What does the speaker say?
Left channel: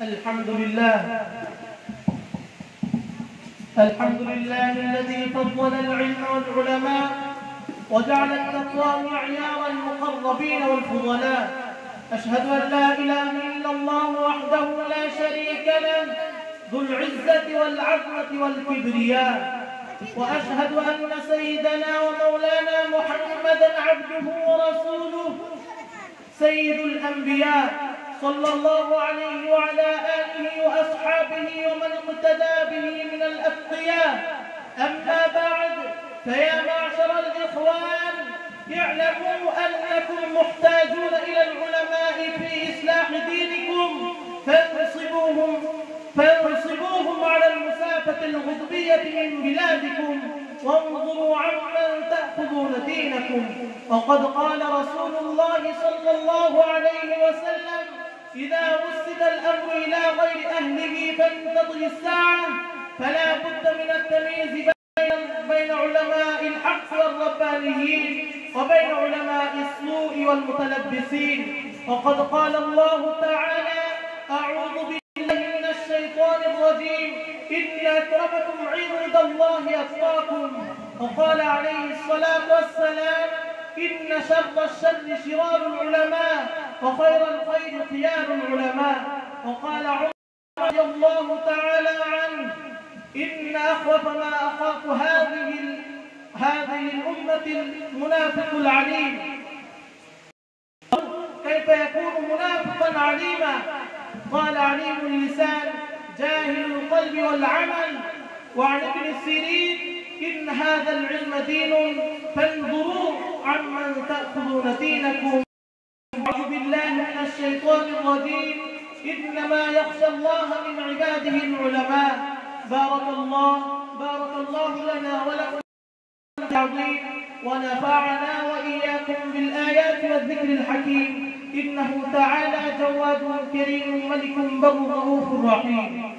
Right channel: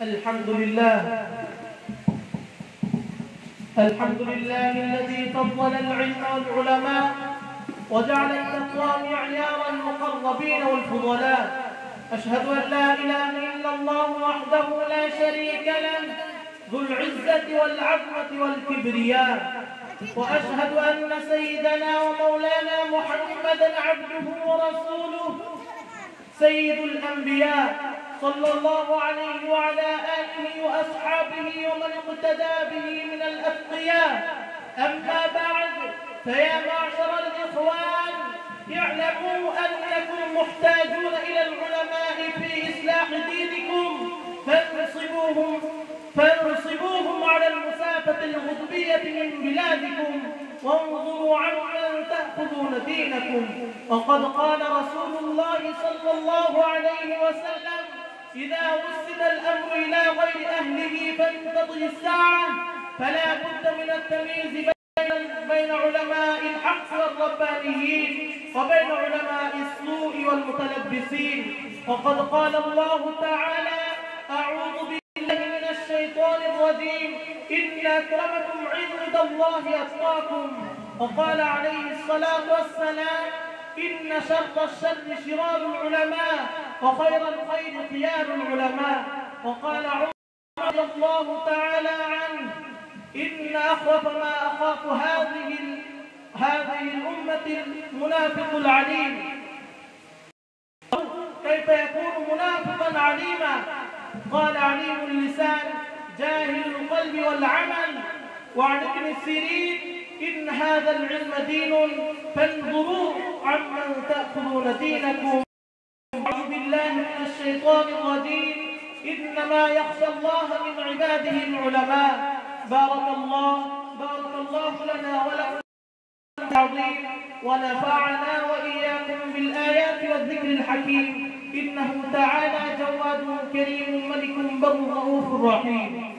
الحمد لله الحمد لله الذي فضل العلم والعلماء وجعل التقوى معيار المقربين والفضلاء. أشهد أن لا إله إلا الله وحده لا شريك له ذو العزة والعظمة والكبرياء، وأشهد أن سيدنا ومولانا محمدًا عبده ورسوله سيد الأنبياء صلى الله عليه وعلى آله وأصحابه ومن اقتدى به من الأتقياء. أما بعد، فيا معشر الإخوان، اعلموا أنكم محتاجون إلى العلماء في إصلاح دينكم، فانصبوهم على المسافة الغضبية من بلادكم، وانظروا عمن تأخذون دينكم. وقد قال رسول الله صلى الله عليه وسلم: إذا وسد الأمر إلى غير أهله فانتظر الساعة. فلا بد من التمييز بين علماء الحق والربانيين وبين علماء السوء والمتلبسين. وقد قال الله تعالى: أعوذ بالله من الشيطان الرجيم، إن أكرمكم عند الله أتقاكم. وقال عليه الصلاة والسلام: إن شر الشر شرار العلماء وخير الخير خيار العلماء. وقال عمر رضي الله تعالى عنه: إن أخوف ما أخاف هذه الأمة المنافق العليم. كيف يكون منافقا عليما؟ قال: عليم اللسان جاهل القلب والعمل. وعن ابن سيرين: إن هذا العلم دين فانظروا عمن تأخذون دينكم. أعوذ بالله من الشيطان الرجيم، إنما يخشى الله من عباده العلماء. بارك الله لنا ولكم العظيم، ونفعنا وإياكم بالآيات والذكر الحكيم، إنه تعالى جواد كريم ملك بر رؤوف رحيم.